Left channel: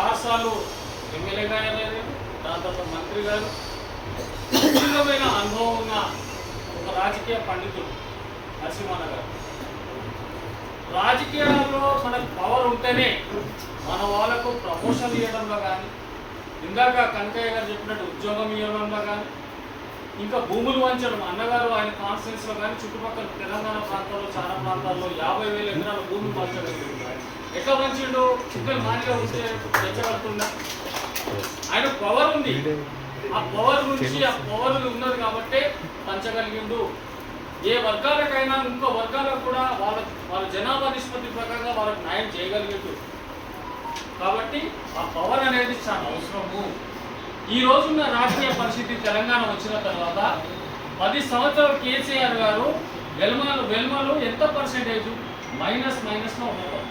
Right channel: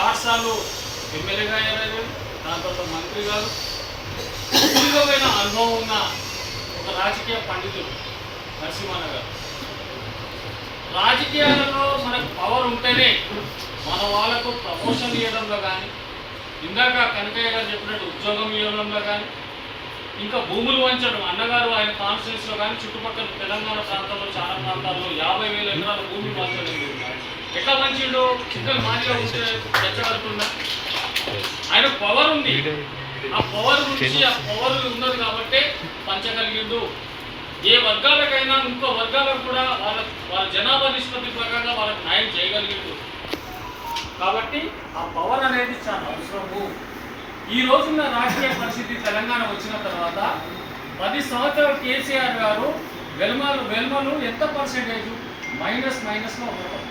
6 సార్లు ఎమ్మెల్యేగా అయ్యారు, దాని తర్వాత మంత్రి గారు. సుదీర్ఘమైన అనుభవం ఉన్న ఒక రాజకీయ పండితుడు నరసింహన్న గారు. రాజకీయాలలో మనకు పవర్ ఉంటేనే మన వాళ్ళకు ప్రమోషన్ ఇవ్వడంలో కానీ, ఇందాక కనకయ్య గారు చెప్పినట్టు ఉద్యోగం ఇవ్వడంలో కానీ, ఇంకా భూములు వంచడం. అన్నగారు ఆయన కాన్స్టిట్యూన్సీలో కానీ చుట్టుపక్కల తెలంగాణ ప్రాంతాల్లో చాలా ప్రాంతాల్లో 50,000 ఎకరాల భూములు పంచడం. ఎట్లా పంచిండు? చిన్నలు మాదిగా ఉంటే తెచ్చగలుగుతున్నా. ఆయన పవర్ ఉంది, ఆ పవర్ నుంచి ఆ పవర్ ఉన్నది కాబట్టి పంచగలిగిండు. ఏ వర్గాలకైనా ఇంకో వర్గాలకు కూడా వాళ్ళ జనాభా నిష్పత్తి ప్రకారంగా వాళ్ళకి న్యాయం చేయగలిగిండు. కాబట్టి ఆ పవర్ అనేది చాలా అవసరము. ఈ రోజున్న రాజకీయ పరిస్థితి తెలంగాణ వచ్చిన తర్వాత 10 సంవత్సరాలు కేసీఆర్ గారు వెల్మలు ఎంత పర్సెంటేజ్ మైనస్లో ఉండటం.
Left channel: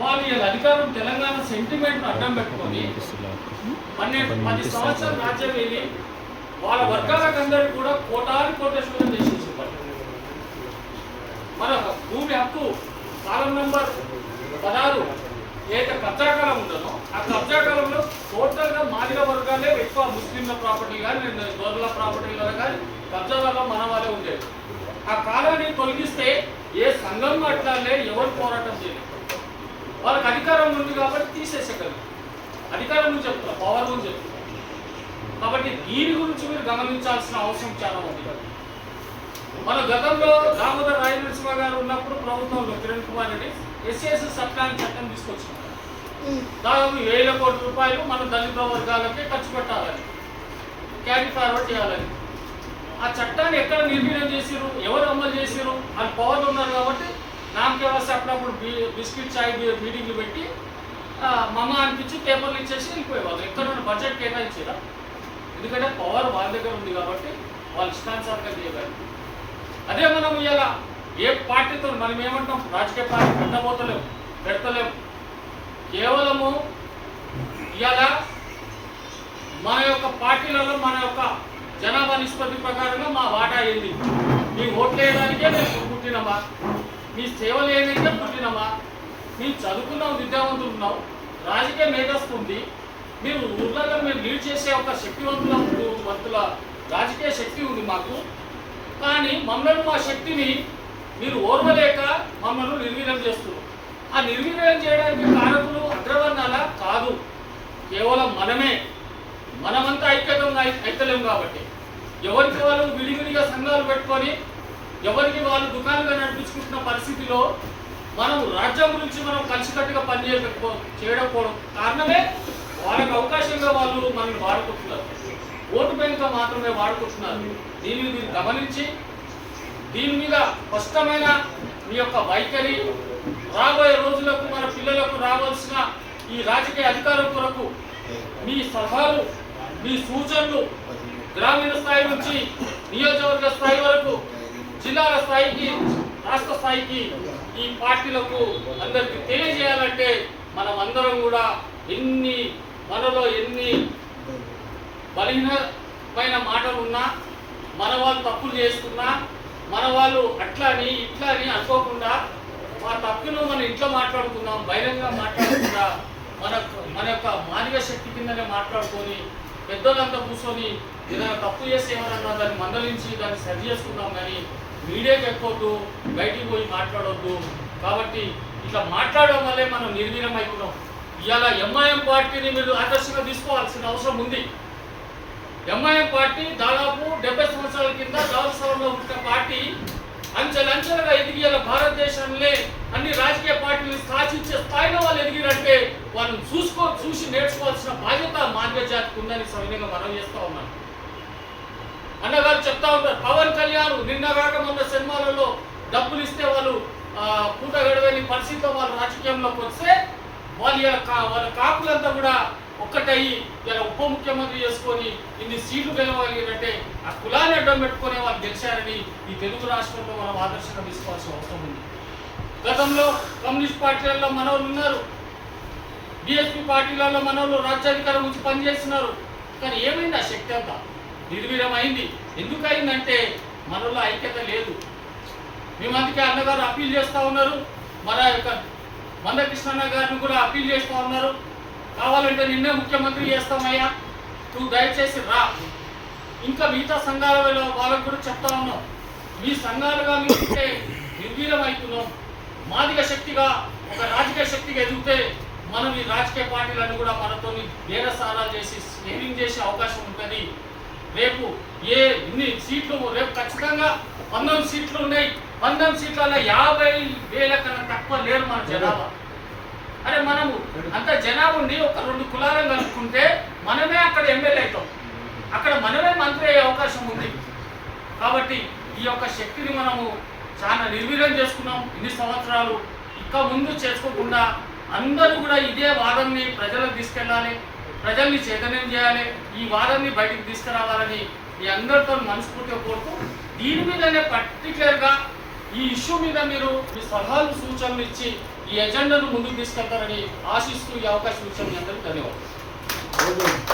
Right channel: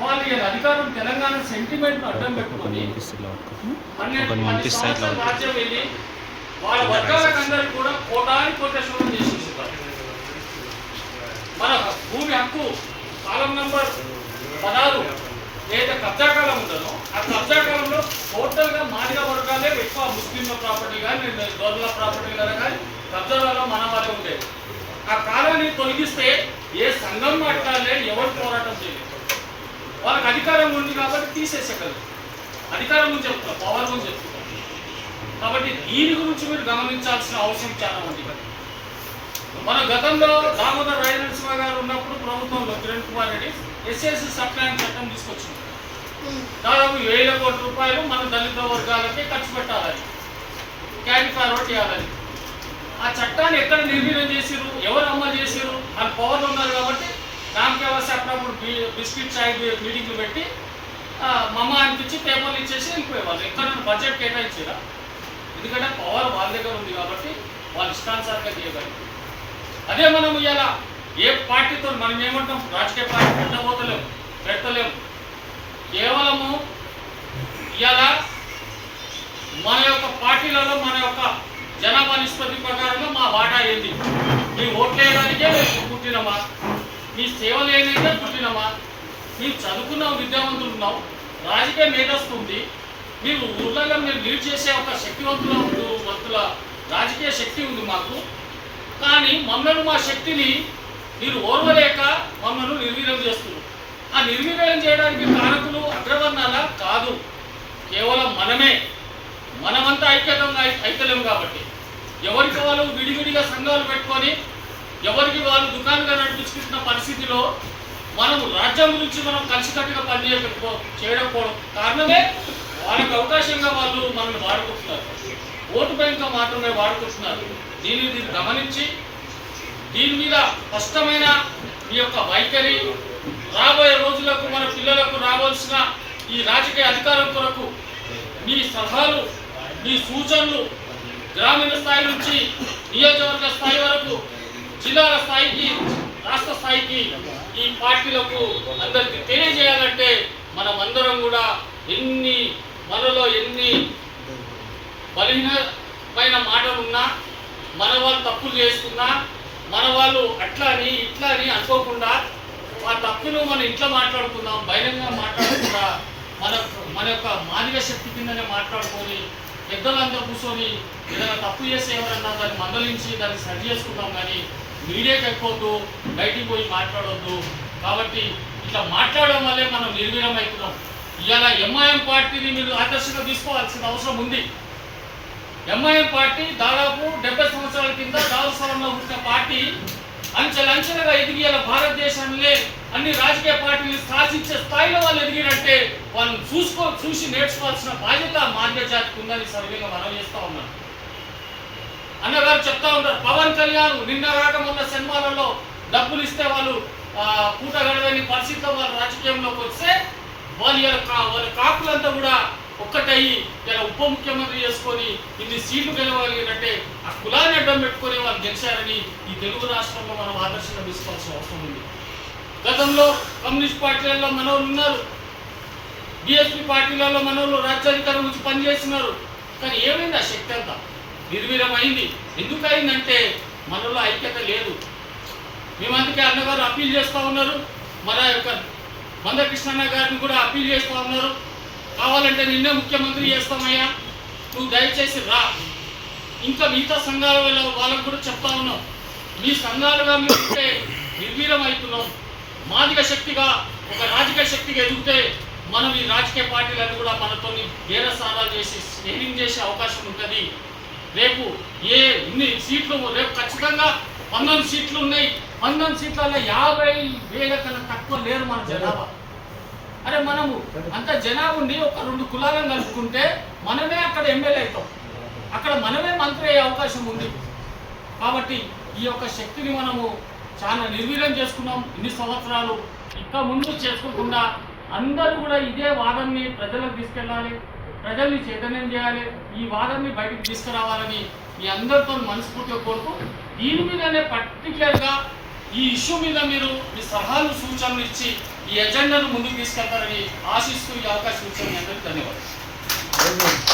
వాళ్ళు అధికారం తెలంగాణ సెంటిమెంట్ అడ్డం పెట్టుకొని 10 సంవత్సరాల రాజ్యం వెళ్ళి వాళ్ళ వర్గాలకు అందరికీ కూడా కోటాశోధన చేసేస్తారు. మన భూమి హక్కు కాలం నెంబర్ 16 ఏదైతే కబ్జాకాలం ఉంటుందో ఆ కబ్జాకాలంలో టోటల్గా మాదిగ వర్గాలే ఎక్కువ, ముస్లింల ప్రాపర్టీ కానీ గొర్రెల ప్రాపర్టీ కానీ కబ్జాలలో మన వాళ్ళే ఉండేది. ఆ కాలాన్ని తొలగిస్తే ఏ సంఘం మాట్లాడలే, ఎవరు పోరాటం చేయలేదు. వాళ్ళకి అధికారం ఉంది కాబట్టి తీసేసేయగలరు. అధికారం గురించి చెప్తున్నారు, పవర్ గురించి చెప్తున్నారు. కాబట్టి దీని గురించి మీరు గమనించాల్సిన అవసరం చాలా ఉంది. మన గతంలో దామోదర్ రాజనరసింహ గారు ఉన్నప్పుడు ప్రభుత్వంలో కిరణ్ కుమార్ రెడ్డి ఎస్ఎస్సి సప్లాన్ చట్టం తీసుకొచ్చినాం. దాదాపు 1,000 కోట్ల రూపాయలు మన దళిత వర్గాలకే ఖర్చు పెట్టాలని, క్యారీ ఫార్వర్డ్ చేయాలని. ఆ చట్టాన్ని ఎక్కడ నిర్వీర్యం చేసిరు, ఎవరు అమలు చేసిరు అని పవర్లు ఉన్నారు కాబట్టి నామకే వస్తే అప్పుడప్పుడు బిస్కెట్ చాయ్ మీటింగ్లు పెట్టి మమ్మ అనిపించి పేపర్లు ఇచ్చేసి వెళ్ళిపోయేవాళ్ళు. ఎక్కడైనా బడ్జెట్ కేటాయించారా? ఎందుకంటే పవర్ వాళ్ళ దగ్గర ఉంది కాబట్టి వాళ్ళు ఇష్టానుసారంగా చేయగలరు. అదే మనం ఇవాళ ఏ పార్టీతో మనం ఏమంటాం, రాజకీయ పార్టీ పెట్టలేము. కేవలము ఇవాళ మన యొక్క పార్టీలలో మన యొక్క జనాభా నిష్పత్తి ప్రకారంగా మా వాటా ఏంది, మీ ఓట్లు వేయడానికే మేము పుట్టినమా, మీ సేవలు వేయడానికే పుట్టినమా, మీరు చదువుకున్నాం, విద్యావంతులు ఉన్నాం, రాజకీయ మేధస్తుంది, మీరు ఊర్లలో మీరు లీడ్ చేసే ఒక శక్తివంతుల రాజకీయ శక్తి ఉంది మాకు. కానీ మమ్మల్ని మా శక్తిని మీరు ఓర్వలేక మమ్మల్ని నిర్వీర్యం చేస్తున్నారు. ఆ నిర్వీర్యం చేయడానికి కారకులు అగ్రవర్ణాల కాదు, కేవలం మనమంతా ఐక్యలేము కాబట్టి ఎవరికి వాళ్ళు విడివిడిగా సంఘాలు పెట్టుకొని ఎవరికి వాళ్ళు దుకాణంగా నడిపించుకుంటున్న పరిస్థితిలో మనం రాజ్యం గురించి మనం కలిసికట్టుగా చేయడం కారణమే వాళ్ళకి అవకాశంగా వాళ్ళు మనల్ని వాడుకుంటున్నారు. ఓటు బ్యాంక్గా మాత్రమే వాడుకుంటున్నారు. దీన్ని గమనించి దీని మీద స్పష్టమైన మీ యొక్క వైఖరి, రాబోయే రోజులకు మన పిల్లలకు రావాల్సిన ఈ రాజకీయ అధికారం కొరకు మీ సలహాలు, మీ సూచనలు గ్రామీణ స్థాయి నుంచి నియోజకవర్గ స్థాయి వరకు, జిల్లాల స్థాయికి, రాష్ట్ర స్థాయికి ఈ పార్టీలకు అందరికీ తెలియజేయాలంటే మనం అందరం కూడా మనలో ఎన్ని బలహీనమైన మాటలున్నా, మన వాళ్ళు తప్పులు చేసుకున్నా, మన వాళ్ళు అట్లా అని ఇట్లా అని అనుకోకుండా ఆ తప్పును మన ఇంట్లో మాట్లాడుకుందాం, బహిరంగంగా మాట్లాడకుండా మన యొక్క మానవ శక్తి కిందనే మాట్లాడుకొని పెద్దలంతా కూర్చొని ఏదైనా తప్పు చేసి ఎవరన్నా దాన్ని మందలించి దాన్ని సరి చేసుకుందాం. కానీ మీడియాకి ఎక్కొద్దు, బయటికి పోయి మాట్లాడొద్దు. కాబట్టి ఇట్లా మాట్లాడడం వల్లే మనం నిర్వీర్యం అవుతున్నాం. ఇవాళ ఎంఐఎం పార్టీని మీరు ఆదర్శంగా తీసుకోవాల్సిన అవసరం ఉంది. ఎంఐఎం పార్టీ దాదాపు 70 సంవత్సరాల కింద దావస్థలంలో పుట్టిన పార్టీ అంచెలంచెలుగా ఎదిగి భారతదేశంలో అన్ని రాజకీయ పార్టీలు శాసించే స్థాయిలో వాళ్ళు ఎదిగిరంటే వాళ్ళని చూసి నేర్చుకోవాల్సిన బాధ్యత మాదిగ జాతికి ఉందని సర్వేగా మనం చేస్తూ ఉన్నారు. అన్నగారు చెప్తా ఉంటారు, పవన్ కళ్యాణ్ నిన్న రాక మొన్న సినిమాలలో డబ్బులు ఇస్తే వాళ్ళు పూట గడవని పరిస్థితిలో వాళ్ళు రాజకీయంలోకి వస్తే వాళ్ళ కాకులంతా కూడా ఒక్కటయ్యి ఇలా ఉప ముఖ్యమంత్రి చేసుకొని ఇన్ని సీట్లు గెలవాలి అంటే ఆ కులాన్ని అడ్డం పెట్టుకునే వాళ్ళు గెలిచారని ఈ తెలుగు రాష్ట్రంలో మనం ఆదర్శంగా తీసుకోవాల్సిన అవసరం ఉంది. గతంలో కమ్యూనిస్ట్ పార్టీలలో మనోళ్ళు ఉన్నారు, బీఎస్పీ పార్టీలలో మనోళ్ళు రాజ్యాధికారం నుంచి పనిచేస్తున్నారు. కానీ ఏమైంది? ఆ శక్తి అంతా నిర్వీర్యం అయింది. ఎందుకు అయిందంటే మనలో ఐక్యత లేదు. మేము అందుకే అన్నగారు అప్పీల్ చేస్తూ ఉన్నారు, మన యొక్క మందకృష్ణన్న గారిని కూడా అప్పీల్ చేస్తూ ఉన్నారు. కావాలంటే నిన్నే ముఖ్యమంత్రి చేస్తామయ్యా, నువ్వు దయచేసి రా. ఇంకా మిగతా సంఘాల వాళ్ళకు కూడా చెప్తా ఉన్నాం, మీ సంఘాలుగా మీరుంటే నిర్వీర్యం అవుతున్నాం. మాదిక శక్తిగా ఒక రాజకీయ శక్తిగా ఎదిగితే మనం ఈ రాజకీయ పార్టీలన్నీ కూడా మనతో బేరసారాలు చేసి స్టేరింగ్ చేసే అవకాశం ఉంటుంది. రేపు ఇన్ని సీట్లు రేపు ఖచ్చితంగా 19 సీట్లు ఉన్నాయి. 19 సీట్లలో 50,000 కన్నా తక్కువ లేరు మన జనాభా. అరే మనము అంత జనాభా ఉండి ఒక 2 కులాలను కలుపుకుంటే మనమే అక్కడ ఎమ్మెల్యే అవుతాం, అక్కడ మనమే మంత్రి అయ్యే అవకాశం ఉంది. కాబట్టి ఈ యొక్క శక్తిని మనము చాలా నిర్వీర్యం చేసుకున్నాం ఇన్ని సంవత్సరాలు. ఇంకా ముందు చేసుకోకుండా అందరూ కూడా ఇదే వాదనని ప్రజలకు తీసుకెళ్ళాలి, ప్రజల్ని చైతన్యం చేయాలి, ఈ వాదనని బయటికి తీసుకురావాలని మీ అందరితో మనస్ఫూర్తిగా కోరుతూ, దీని మీదనే పర్టికులర్గా ఈ ఇష్యూ మీద మీరు మీ సలహాలు సూచనలు ఇచ్చి ఈ ఎజెండాను ముందుకు తీసుకెళ్తారని ఆశిస్తూ ఈ అవకాశం ఇచ్చిన మీ అందరికీ ధన్యవాదాలు.